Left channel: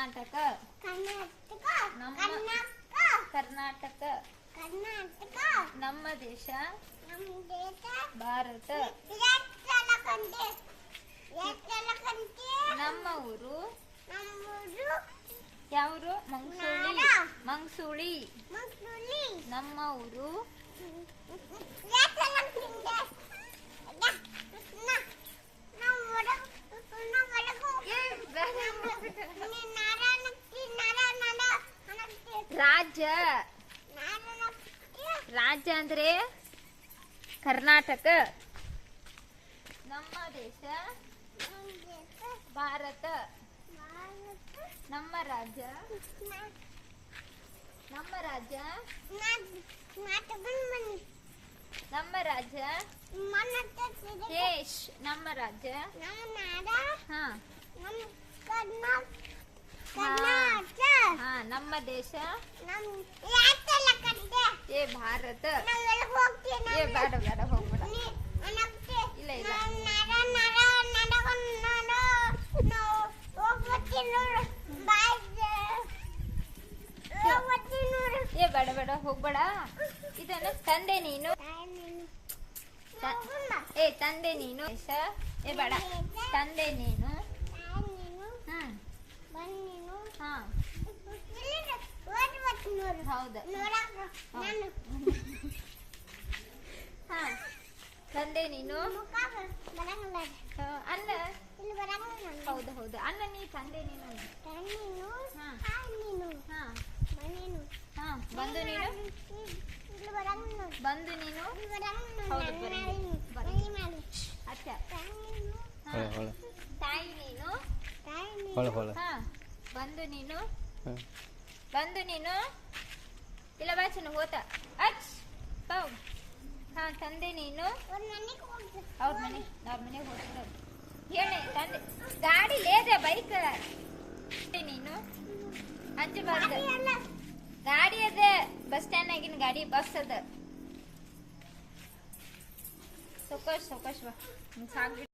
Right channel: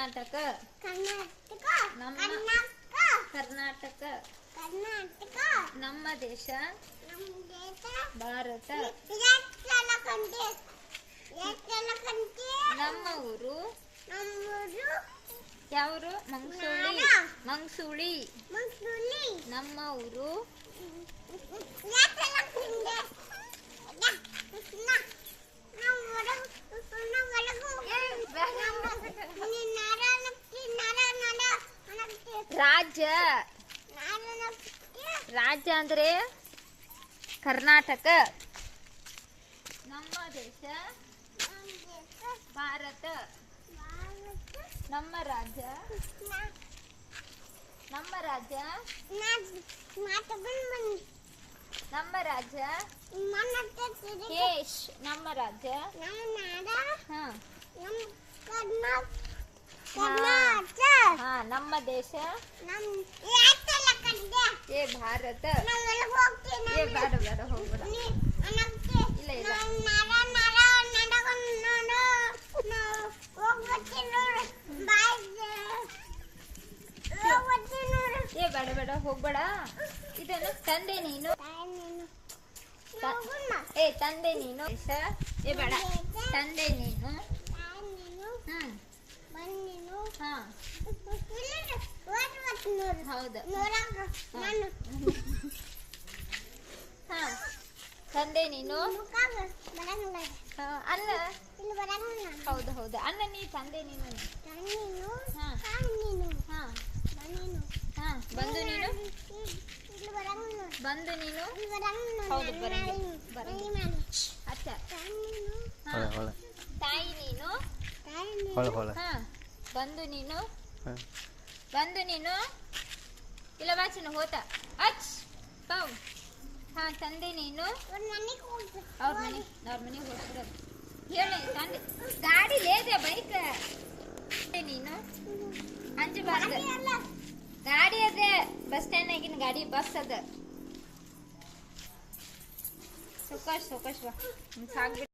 ಕರ್ನಾಟಕ ಕರ್ನಾಟಕ ನಮ್ಮ ದೇಶ ಭಾರತ. ನಮ್ಮ ಊರು ಯಾವರು? ಮಂಗ್ಸುಳಿ. ನಮ್ಮ ಊರು ರಾಜ್ಯ. ರಾಜ್ಯ ಅಂದ್ರೆ ಕರ್ನಾಟಕ. ನಮ್ಮ ದೇಶ ಭಾರತ. ನಮ್ಮ ರಾಜ್ಯ ನಮ್ಮ ರಾಜ್ಯ ದೇಶ್. ನಮ್ಮ ರಾಜ್ಯ ನಮ್ಮ ದೇಶ ಏ ಭಾರತ. ಏ ಬೇಡ ಬೇಡ ಹೋಗ್ಬೇಡ. ಇಲ್ಲ ಇಲ್ಲ ಏ ಬೇಡ ಬೇಡ ಹೋಗ್ಬೇಡ. ಇದನ್ನು ತಂದೆ ನೀನು. ಏ ತಂದೆ ನೀನು. ಏ ಬೇಡ ತಂದೆ ನೀನು. ಹೌದು ತಂದೆ ನೀನು. ಅನ್ನ ಹೌದು ಹೌದು ಅನ್ನ ನೀ ತಂದೆ ನೀನು. ಬಂದು ನೀನು. ಬಂದು ನೀನು. ಹೌದು ಅಚ್ಚ ತಾಯಿ ನೀನು. ಬಂದು ನೀನು. ಬಂದು ನೀನು. ಇಲ್ಲ ವಾಚನ ಹೋತ ಅಚ್ ಪೌ. ತಂದೆ ನೀನು. ಅವ್ರ ಮನೆಗೆ ಹೋಗ್ಬಿಡೋದು. ಹೇಳಿ ತಂದೆ ಗಾಡಿ ಲೇದೆ ಬೈಕ್ ನೀನು. ಅಂಜಬಾರ್ದು. ಗಾಡಿ ಅದೇ ಬಸ್ ಸ್ಟ್ಯಾಂಡ್ ಆಗಿನ ಗಾಡಿ ಬಸ್ ಅದ. ಸೊಕಶ್ ಬಾ ಸಾಕ್ಬಿಟ್ಟು